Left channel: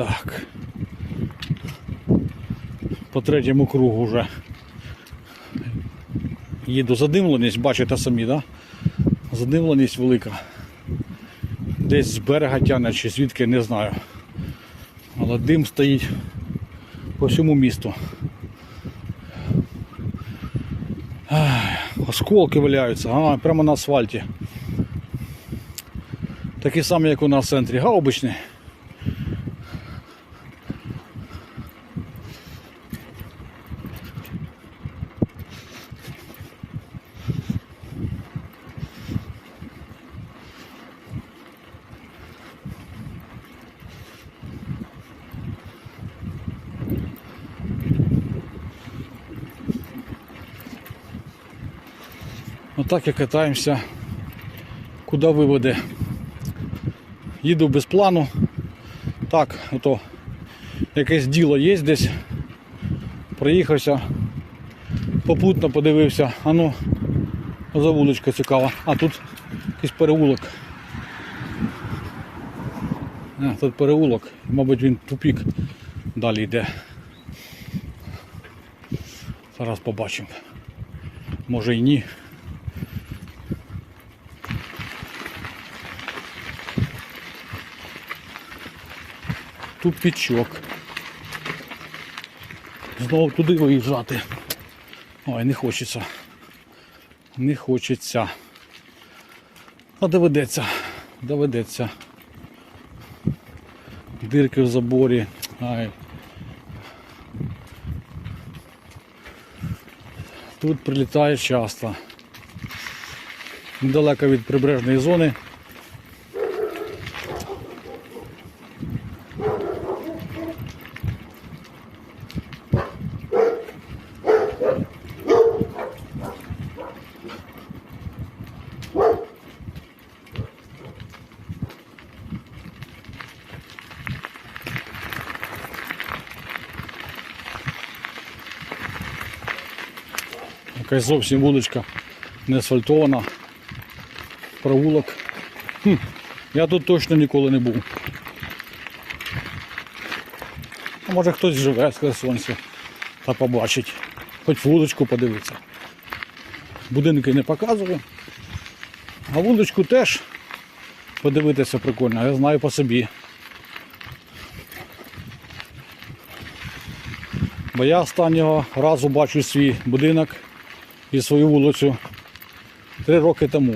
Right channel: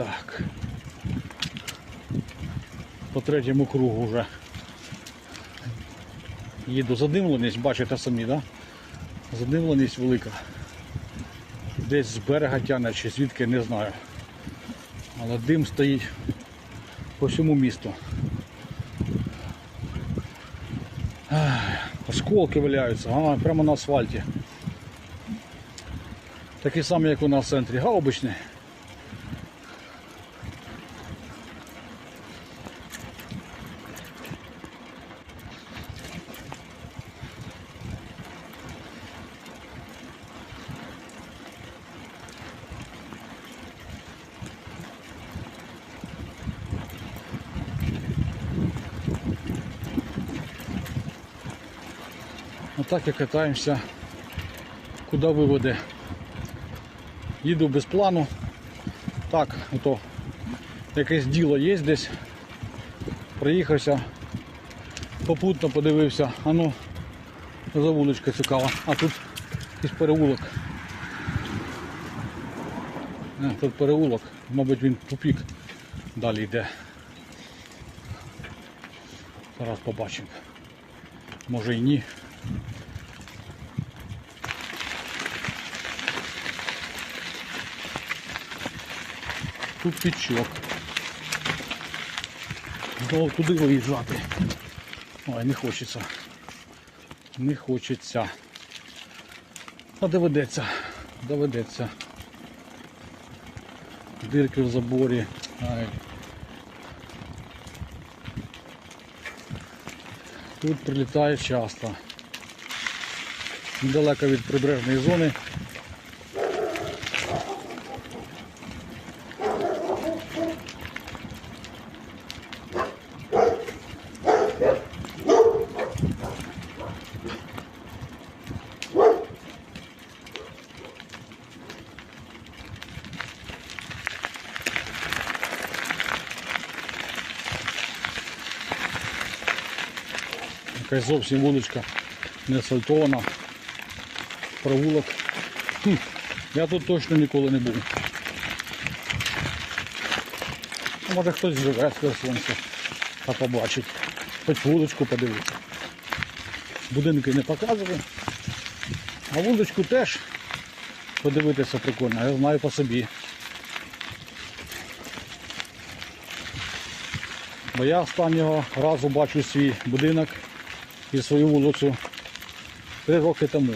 Так. По третьому кругу вже. Їду задимленість, бачите самі, да? Задимленість велика. Десь з берега тягне чи звідки не знаю. Але дим стоїть по всьому місту. Осколки валяються, а, прямо на асфальті. Такі самі, як у нас в центрі, гаубичні. Отак і катаємося, куди виведе. Їду без плану. Так, ото якесь діло є десь. Проїхався, попутно подивився, а ну, за вуличка цікава. А тут якийсь переулок. Не, тут переулок, мабуть він тупік далі йде. Зараз побачимо. Може і ні. Тупічок. Знову туди виїжджати. Ой, не хочеться. Не хочеться. А доведеться. Доведеться. Дирки в заборі. Ай. Тут прилітає часто. Недалеко від прибережної зони. Якась зовсім вуличка не асфальтована. Провулок. Хм, я тут точно ніколи не був. А може хтось живе з Херсонців та побачить. Хоч вуличку подивитися. Будинки не показую. А вуличку теж подивитися прикольно, я знаю по собі. Бо я останнього разу бачу свій будинок і свою вулицю три роки тому.